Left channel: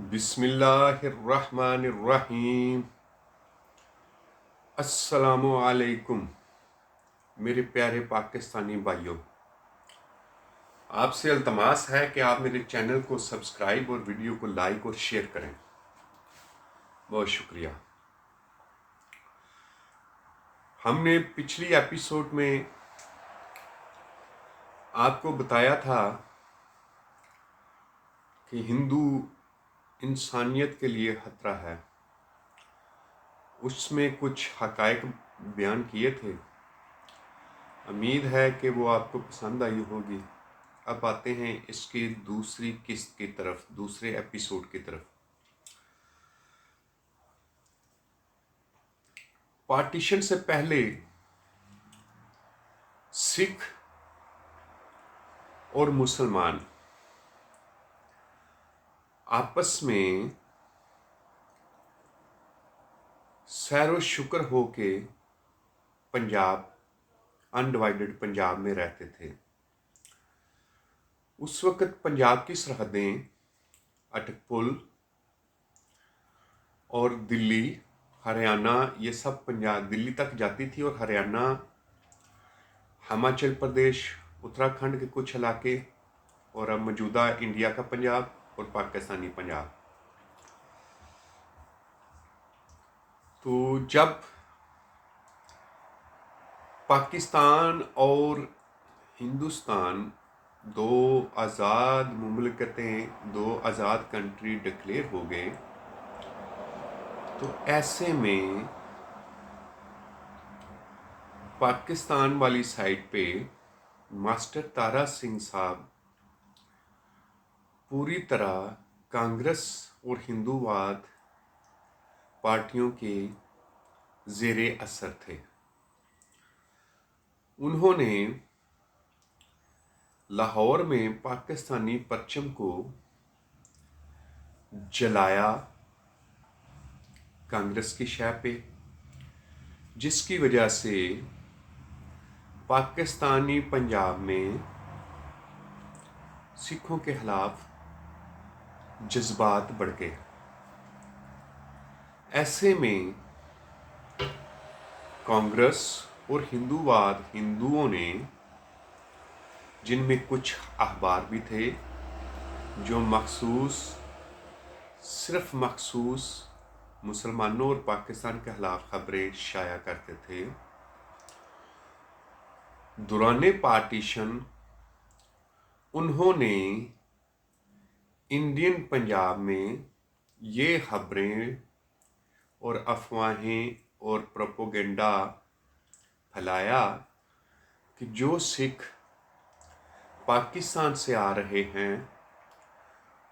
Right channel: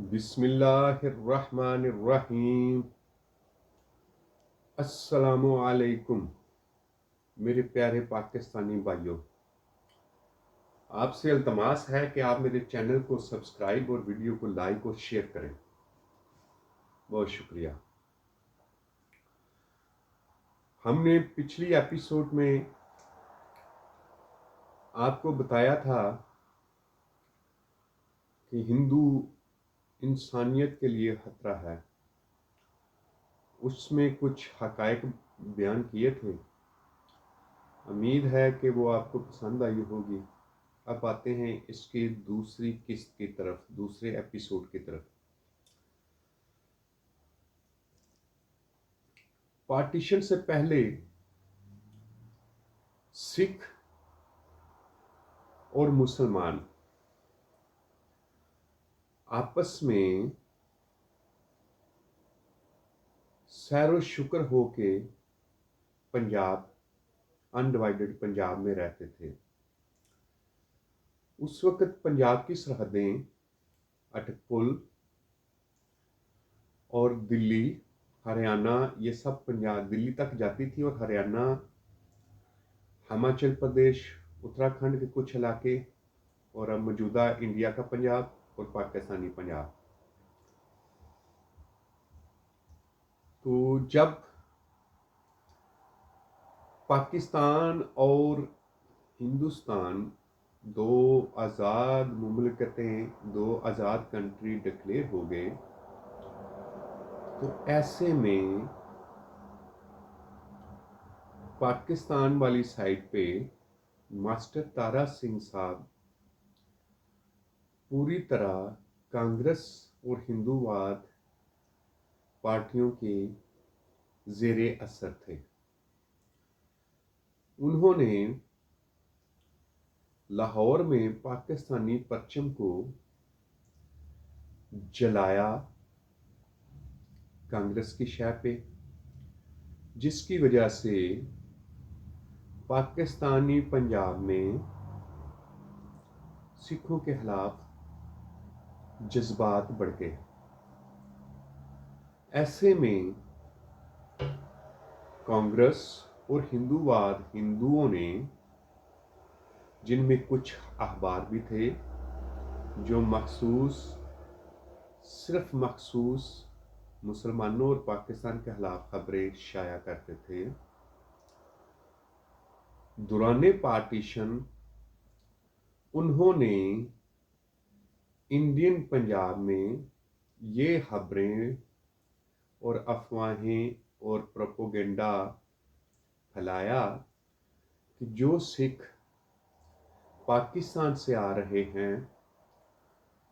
बिस्मिल्लाहिर्रहमानिर्रहीम। अस्सलामु अलैकुम मेरे प्यारे पाकिस्तानी भाइयों, आपसे अल्तमास है कि आप मेरे चैनल को सब्सक्राइब और वीडियो को लाइक और शेयर करें। बहुत शुक्रिया। हमने पिछली एपिसोड में आपको बताया था कि हिंदू इंसानियत के लिए खतरा है। उसमें कुछ हकायक बयान किए थे। उम्मीद है कि वो आपको पसंद आई होगी। अब आते हैं इसकी दूसरी किस्त की तरफ, दूसरे एपिसोड की तरफ। पार्टीशन से पहले सिख और मुसलमान आपस में सैरो शुक्र हो के पंजाब, अनडिवाइडेड पंजाब में रहते थे। उस वक़्त पंजाब की सरहदें अटकपुल और दिल्ली, हरियाणा, ये सब पंजाब दिल्ली तक जाती थी, और हरियाणा, हिमाचल प्रदेश, उत्तराखंड के कुछ इलाके, और अब मौजूदा इंडिया का पंजाब और पाकिस्तानी पंजाब। तो जब पाकिस्तान और हिंदुस्तान दो आज़ाद मुमलकतें, दो आज़ाद कंट्री डिक्लेयर हो गए, तो ऐसे में पाकिस्तान वाली साइड पे मास्टर तारा सिंह साहब पूरी तरह कांग्रेस और हिंदूवाद पार्टियों के ज़ेरे असर थे। उन्होंने लाहौर में पाकिस्तानी परचम को जलाया कांग्रेस की शय पे, जिसकी वजह से पाकिस्तानी पंजाब में सिखों के खिलाफ जज्बात बढ़ गए। ऐसे में कांग्रेस और हिंदूवाद, हिंदुओं ने, जिनमें कुछ अखबार भी थे जो सिर्फ मखसूस मुसलमानों और पाकिस्तान के खिलाफ खबरें शाया करते थे, दौरान पार्टीशन उन्होंने इंडियन पंजाब में ये खबरें और अफवाहें और प्रोपोगेंडा फैलाया कि जो सिख पाकिस्तान से आ रहे हैं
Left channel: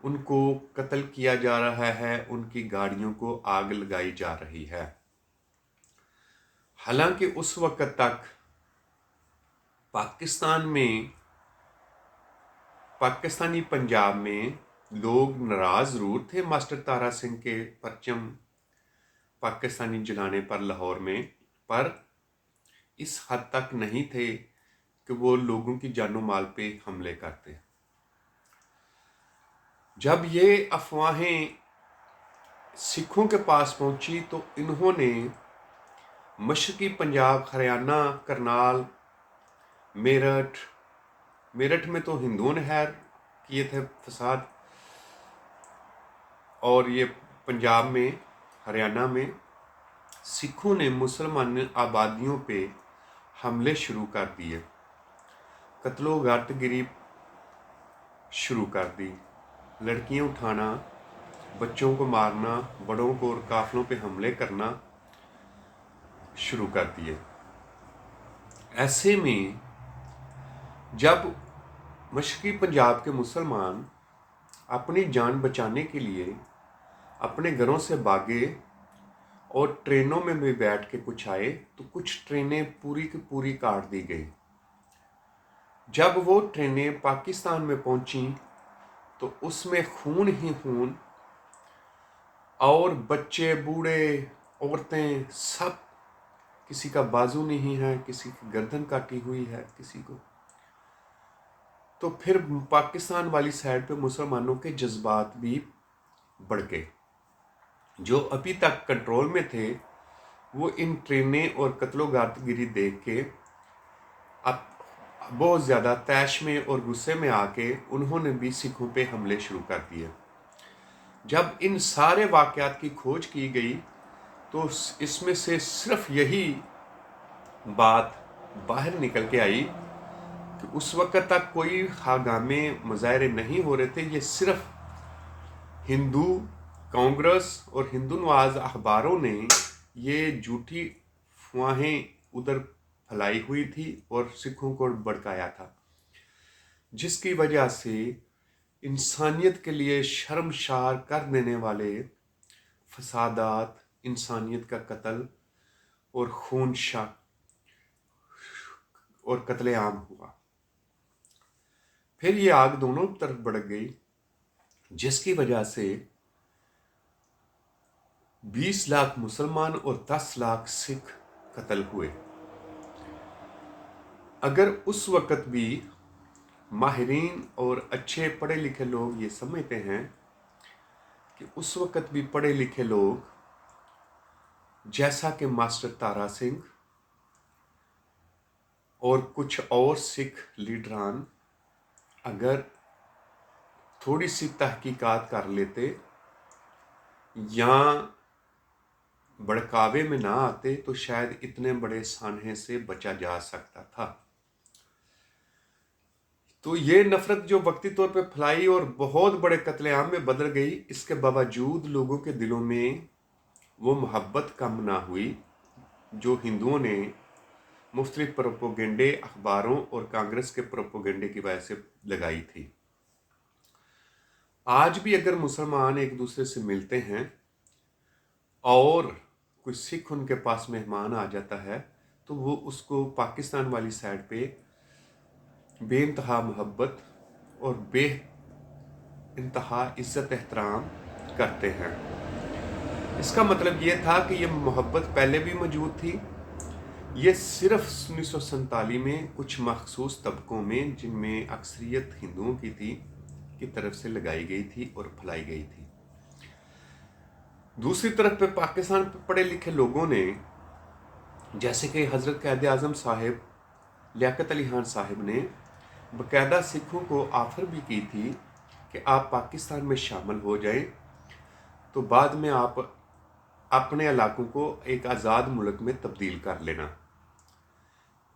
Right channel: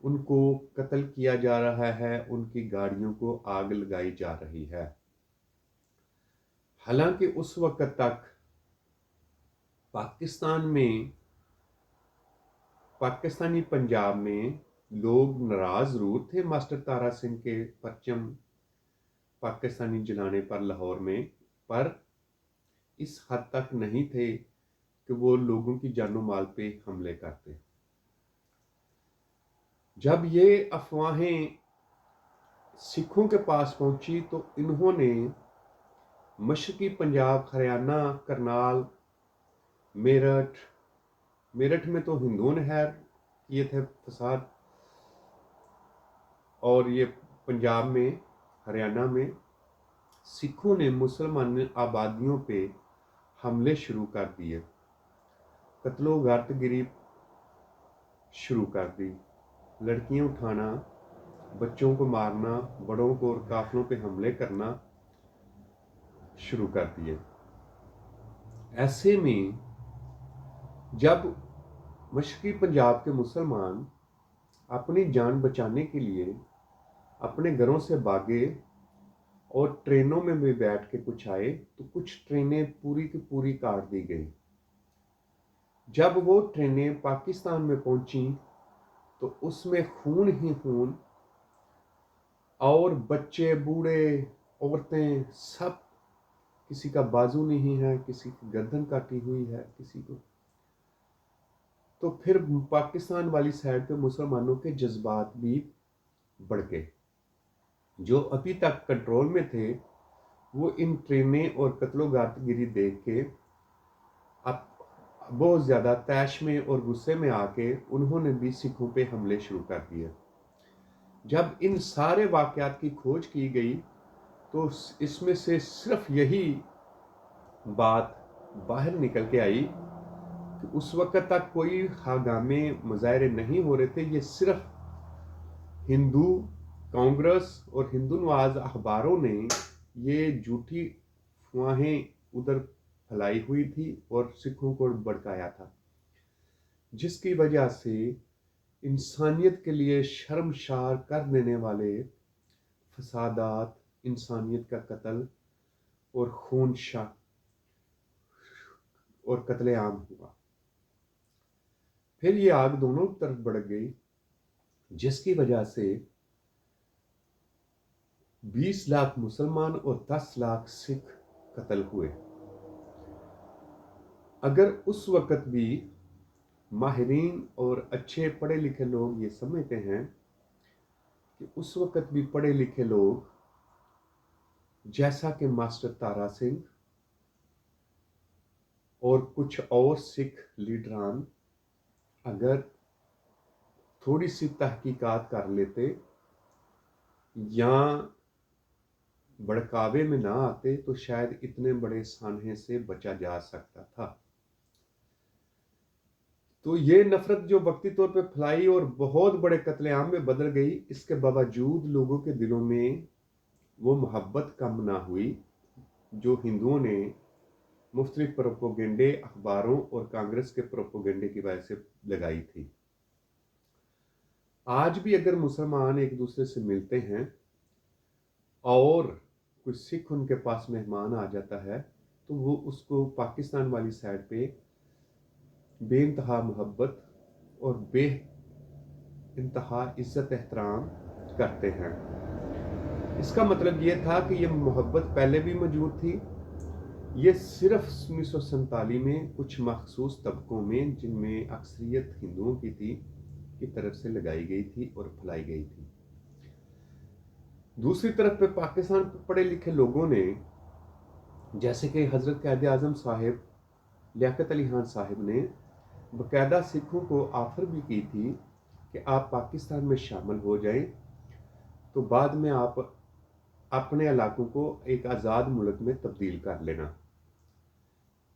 उनको कत्ल किया जा रहा है, उनकी गाड़ियों को आग लगाई जा रही है। हालांकि उस वक्त तक पाकिस्तानी पंजाब में लोग नाराज जरूर थे मास्टर तारा सिंह के परचम पाकिस्तानी जलाने पर लाहौर में, पर इस हद तक नहीं थे कि वो लोगों की जानो माल पे हमले करते। जब ये अफवाहें सिखों के पास पहुंची तो इन्होंने मशरकी पंजाब, हरियाणा, करनाल, मेरठ में तो हिंदुओं ने खैर किए थे फसाद, और ये पंजाब में, हरियाणा में सिखों ने मुसलमान आबादियों पे हमले शुरू कर दिए, कत्लो गारतगिरी शुरू कर दी, लड़कियां उठाना, बच्चों को मारना, बड़ों को और काफिलों पे हमले करना शुरू कर दिए। ऐसे में जब मशरकी पंजाब के मुसलमान अपनी जान बचाने के लिए अपने घरों से भागे और ट्रेनों में भी बैठ के कुछ आए, तो कुछ ट्रेनें पूरी की पूरी काट दी गई। जब वो ट्रेनें पाकिस्तान में पहुंची तो उसमें खून ही खून, और बच्चे, बूढ़े, औरतें, सब, किसी का बाजू नहीं है, किसी की गर्दन काटी हुई है, किसी को। तो फिर पाकिस्तान वाली साइड पे मुसलमानों के जज्बात भी भड़के। जो अभी तक कंट्रोल में थे वो इन ट्रेनें और कत्लोगारतगिरी देख के अब बहुत ज़्यादा तैश में और गुस्से में आके उन्होंने भी सिखों पे हमले शुरू कर दिए। जब इन सारे वाक़यात की खोज की गई तो इसमें से सिर्फ यही बात बाहर निकल के आई कि उस वक़्त तक कोई हंगामे मुज़ाहरे नहीं हो रहे थे। ये सिर्फ हिंदू कांग्रेस और हिंदू नवाज अखबारों ने ये झूठी अफवाहें उधर फैलाई हुई थी और सिखों को भड़काया था, जिसकी वजह से इंसानियत के लिए शर्मसार कर देने वाले फसादात, इंसानियत का कत्ल और खूनशा और कत्लेआम हुआ। फिर ये आग दोनों तरफ भड़क गई, जिसकी वजह से 20 लाख मुसलमान और 10 लाख सिख कत्ल हुए। अगर उस वक़्त भी माहिरीन और अच्छे पढ़े लिखे लोग ये समझते हैं कि उस वक़्त भी पढ़े लिखे लोग जैसा कि मास्टर तारा सिंह और कुछ और सिख लीडरान अगर थोड़ी सी तहकीकात कर लेते या भड़कावे में ना आते तो शायद इतने बड़े सानहे से बचा जा सकता था। तो ये नफरत जो वक्ती तौर पे फैलाई और बहुत बड़े कत्लेआम में बदल गई, इसके बावजूद लोगों के दिलों में वो मोहब्बत कम ना हुई जो हिंदुओं ने मुख्तलिफ प्रोपोगंडे अखबारों और कांग्रेस के प्रोपोगंडे की वजह से लगाई थी। आज भी अगर मुसलमान एक दूसरे से मिलते हैं और कोई सिख उनके पास मेहमान आ जाता है तो वो उसको पाकिस्तान वाली साइड पे बेइंतहा मोहब्बत और बेइंतहा इज्जत एहतराम करते हैं। इसका मतलब ये था कि ये मोहब्बत पहले भी मौजूद थी। ये सिर्फ 1947 में कुछ मखसूस तबकों में, जिनमें अक्सरियत हिंदुओं की थी, की तरफ से लगाई गई थी और फैलाई गई थी। दूसरी तरफ पे पाकिस्तान पे पढ़े लिखे लोगों ने, जैसे कि हज़रत क़ायद आज़म साहिब लियाकत अली खान साहिब ने बाकायदा सिखों को ऑफ़र भी की थी कि आप पाकिस्तान में शामिल हो जाएं तो बाद में आप अपने इलाकों को एक आज़ाद मुल्क में तब्दील कर लेना।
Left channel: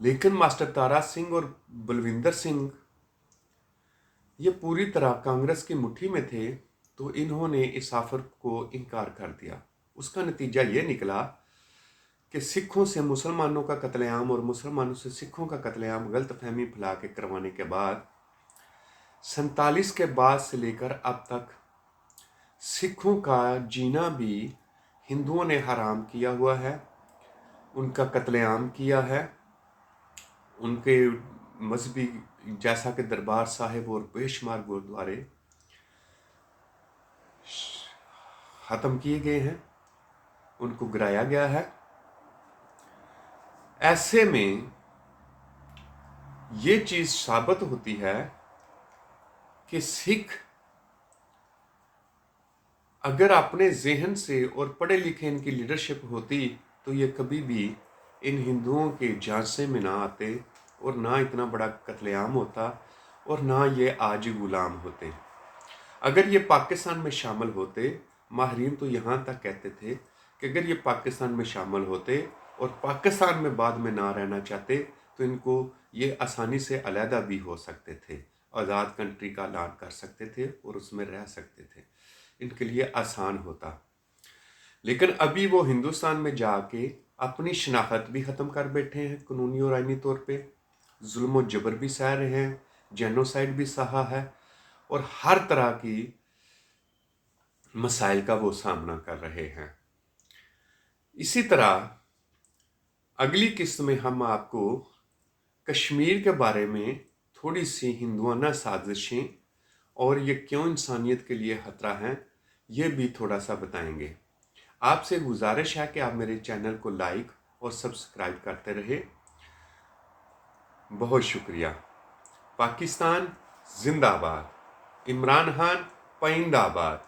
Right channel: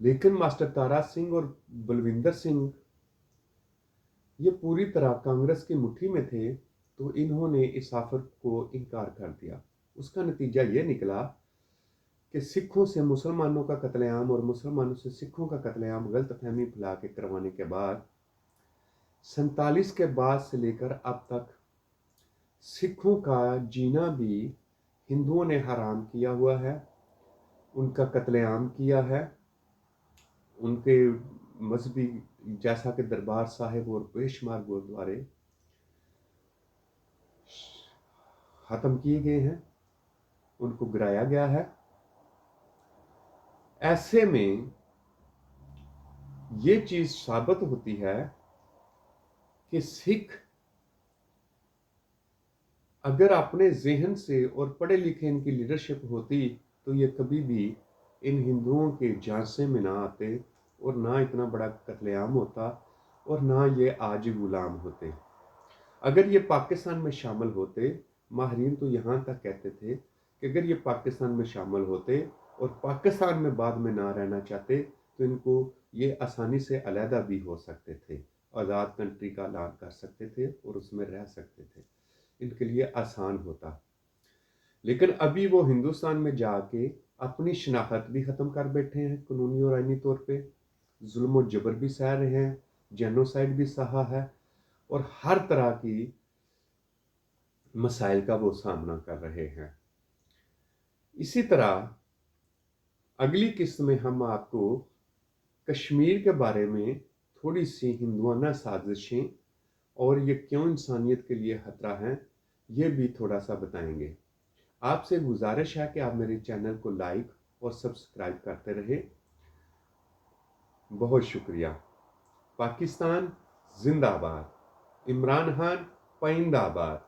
लेकिन मास्टर तारा सिंह और बलविंदर सिंह ये पूरी तरह कांग्रेस की मुट्ठी में थे, तो इन्होंने इस ऑफर को इनकार कर दिया। उसका नतीजा ये निकला कि सिखों से मुसलमानों का कत्लेआम और मुसलमानों से सिखों का कत्लेआम गलतफहमी फैला के करवाने के बाद 47 के बाद से लेकर अब तक सिखों का जीना भी हिंदुओं ने हराम किया हुआ है, उनका कत्लेआम किया है। उनके मजहबी जैसा कि दरबार साहिब और बेशुमार गुरुद्वारे ख़त्म किए गए हैं, उनको गिराया गया है। ऐसे में ये चीज़ साबित होती है कि सिख अगर अपने जहन से और पढ़े लिखे इनकी लीडरशिप होती तो ये कभी भी इन हिंदुओं के झांसे में ना आते और ना इतना बड़ा कत्लेआम होता और ना ये आज गुलाम होते। अगर ये पाकिस्तान में शामिल होते, माहरीन तो यहाँ तक कहते थे कि अगर ये पाकिस्तान में शामिल होते और पाकिस्तान में बाद में ना रहना चाहते तो इनको ये आसानी से अलहदा भी हो सकते थे, आज़ाद कंट्री का ऐलान कर सकते थे और उसमें रह सकते थे, इनके लिए आसान होता। लेकिन अभी वो हिंदुस्तान में जाके अपनी शनाख्त भी ख़त्म कर बैठे हैं, कानूनी और आइनी तौर पे जुल्म और जबर भी सह रहे हैं, जेनोसाइड भी सहा है और हर तरह की मसाइल का वो सामना कर रहे हैं। इसी तरह अगली किस्त में हम आपको कश्मीर के बारे में थोड़ी सी हिंदुआना साजिशें और ये क्यों इंसानियत के लिए ख़तरा हैं, ये भी थोड़ा सा बताएंगे। आपसे गुजारिश है कि आप मेरे चैनल को लाइक और सब्सक्राइब करते रहे। बहुत शुक्रिया। पाकिस्तान जिंदाबाद, इमरान खान पाइंदाबाद।